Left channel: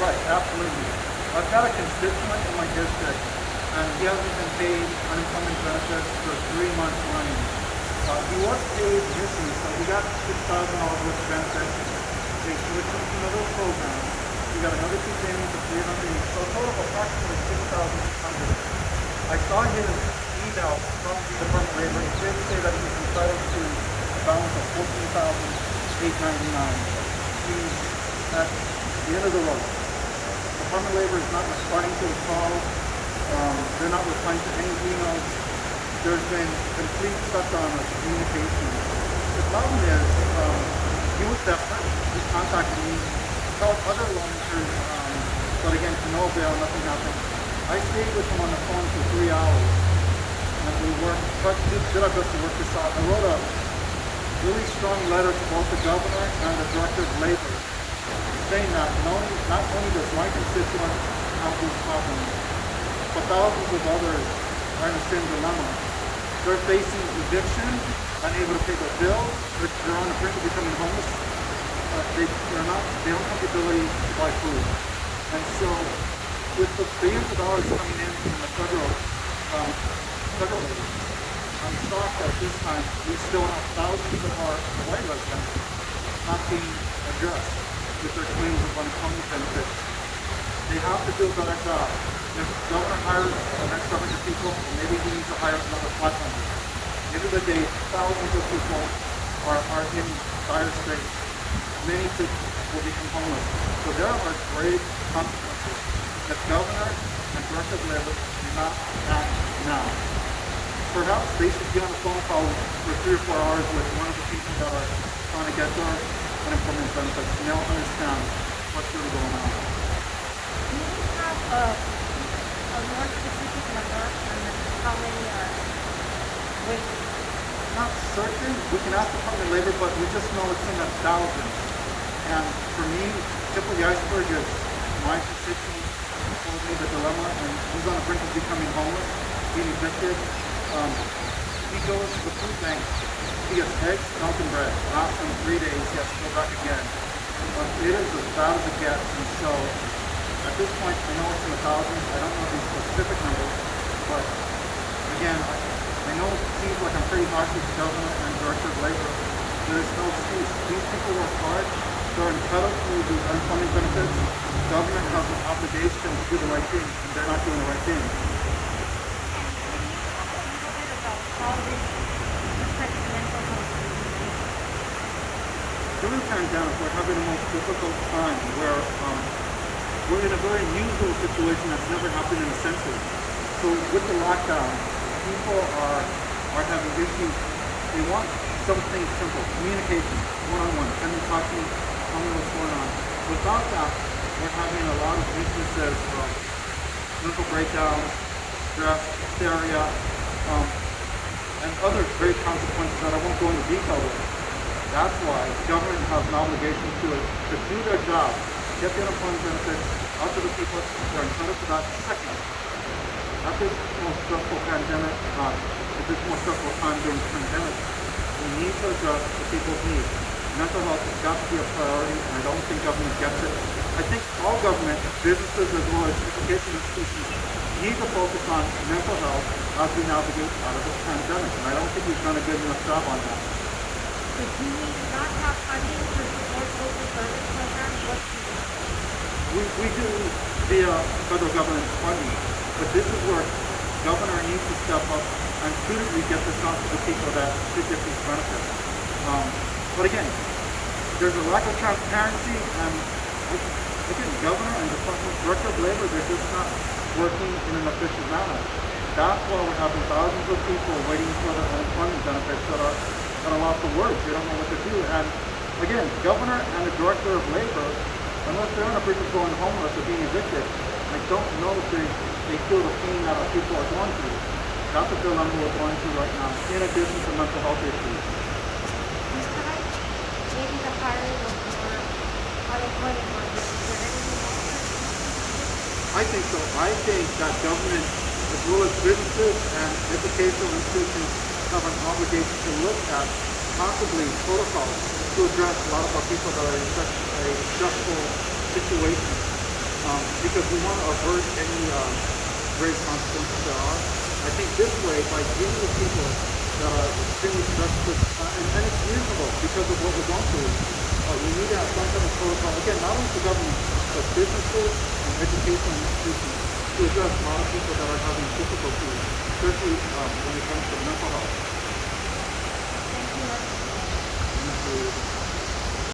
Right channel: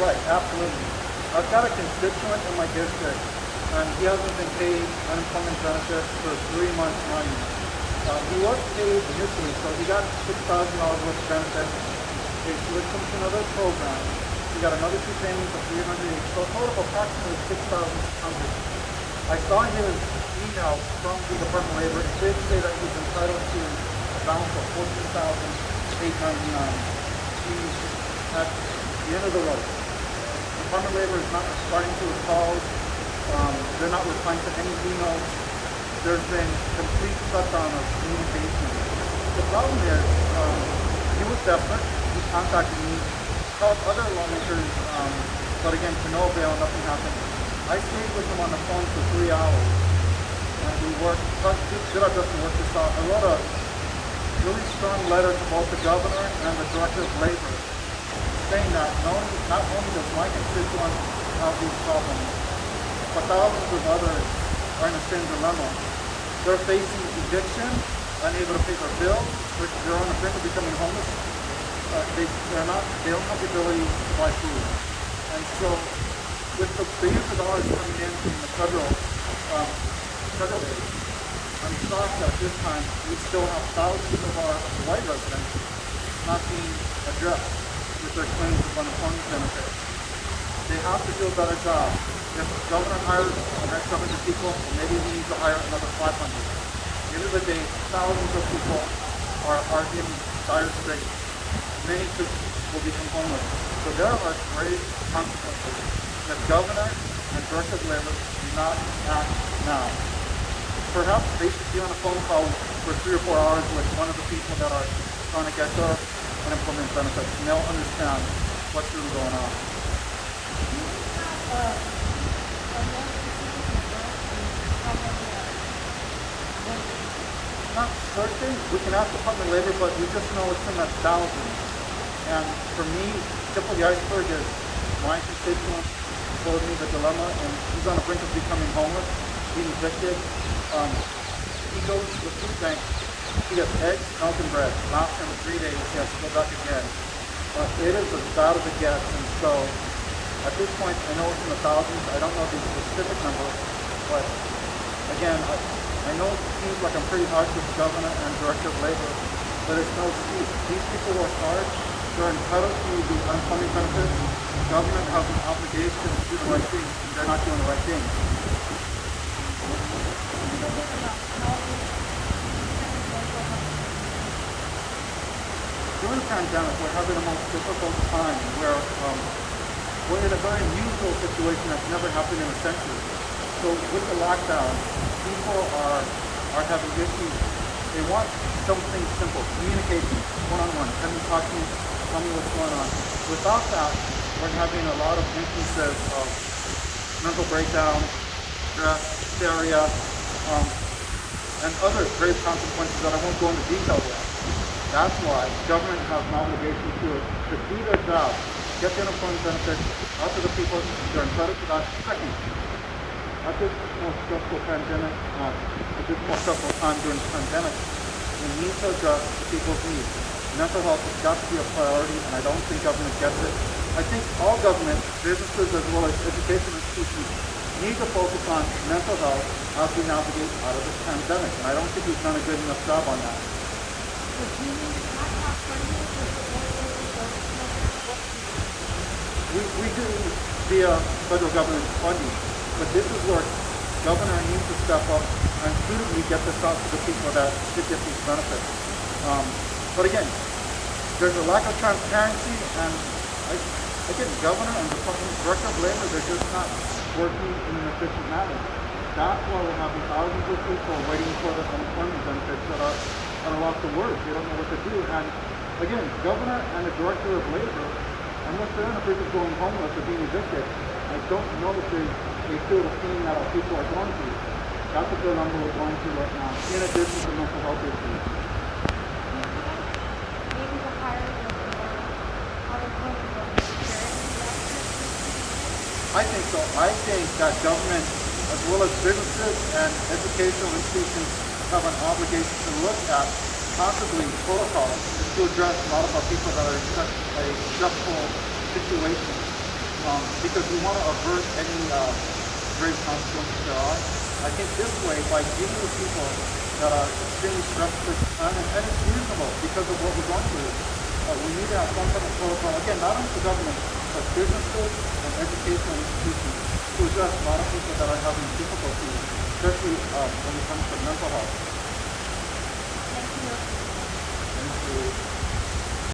Right, absolutely. I've got a constituent in my district, and he hasn't been paid unemployment benefits for 3 months running. He was paid initially, so he got $6,000 worth of benefits. They switched him to another program. He got another two payments of 300, so a total of approximately 6,600. I saw his email from the Department of Labor. It did say that he's entitled to a balance of $14,899. He's at the end of the road. Department of Labor is not responding to his calls. They're not replying to any emails. There's been complete shutdown of communication. The problem is, he was desperate. He contacted me, called other lawmakers, but again, to no avail, nothing happened. I stayed with him on the phone for 3 hours. We did our best to work this out. I wrote a really strong letter to both the governor and the director of labor, saying that not only does my constituent have these problems, but thousands of others are in the same dilemma. They're facing eviction, unable to pay their bills, they're on the brink of becoming homeless. They don't have the ability to buy food. And so, with the billions of dollars coming in from the federal aid, I'm shocked that this time we still have thousands of our Hawaii residents not being addressed with their claims of unemployment benefits. They have to do a better job. If the governor hires the next 700 people, well, maybe we need to hire another 500. At the end of the day, thousands of people are in dire straits. Many will become homeless. So there are grave consequences. The governor and director of labor do not act now. Perhaps they should be on a phone call for 3 or 4 hours with one of the people that are trying to get their unemployment benefits, and they'll understand what's really going on. Do we have a more specific number on how many are waiting? Not certain. We can ask the Department of Labor, but we just know it's in the thousands. And for me, tip of the iceberg is my constituent told me the dilemma, and he's on the brink of becoming homeless, being evicted. He goes to the food bank. He gets eggs, milk, and bread. Lasts him 3 days. He has to go back again. It is as bad as it gets, and so at this point, I know it's in the thousands. I don't know the specific number, but again, I know it seems like I'm pretty harsh with the governor and director of labor, but it's no excuse. These people work hard. They're entitled to the unemployment benefits. The government has an obligation to do the right thing, and they're not doing the right thing. And can you talk a little bit about how this affects mental health for these people? During the pandemic, we're having the most difficult time where we're in a very unusual situation that's never happened in a century. So with the lockdown, people are having issues. They want something simple, communication, one-on-one. Can you talk to me? Tell me what's going on. Without that, we're having a lot of instances of mental breakdown, stress, hysteria, and other grave consequences that I won't go into detail with. That's why the government has an obligation to do their job, get the unemployment benefits out to the people that are entitled to that. Second, at this most stressful pandemic, this most stressful time during the pandemic, we need to address the people's needs. Mental health has got to be a priority, and I don't think government gets it. I think all government, businesses as well as education institutions, need to focus on mental health as we navigate out of this pandemic, and I don't think we've done a good enough job on that. If you not have funding for support social service programs, what do you do? We do via federal government funding, but this is where the governor needs to step up and suitably get this out to the people that should get these benefits. But again, there's a lack of transparency, and I think the governor and the director of labor, they're just not working in an efficient manner. That's why we're having thousands of people waiting for the unemployment benefits that are lost for words. They don't know what to do. And again, the governor and the director of labor, unless they're on the brink of going homeless or being evicted, I don't know if they feel the pain that our people are going through. That's the dilemma we're going through right now, in addition to mental health issues. Maybe the hiring of more unemployment workers. Is there anything else that needs to be fixed? I think so. I think that government, as well as businesses and educational institutions, have an obligation to look at possibly protocols to address a lot of our people that are in such a stressful situation. because we want to avert any grave consequences there are. I think this way, by dealing with people that are extremely stressed at this time, and it's reasonable because of what we're going through, we need to have some type of protocol, again, not only for government, but businesses and educational institutions to address a lot of people that are having difficulty, especially when it comes to mental health. Thank you. Thank you.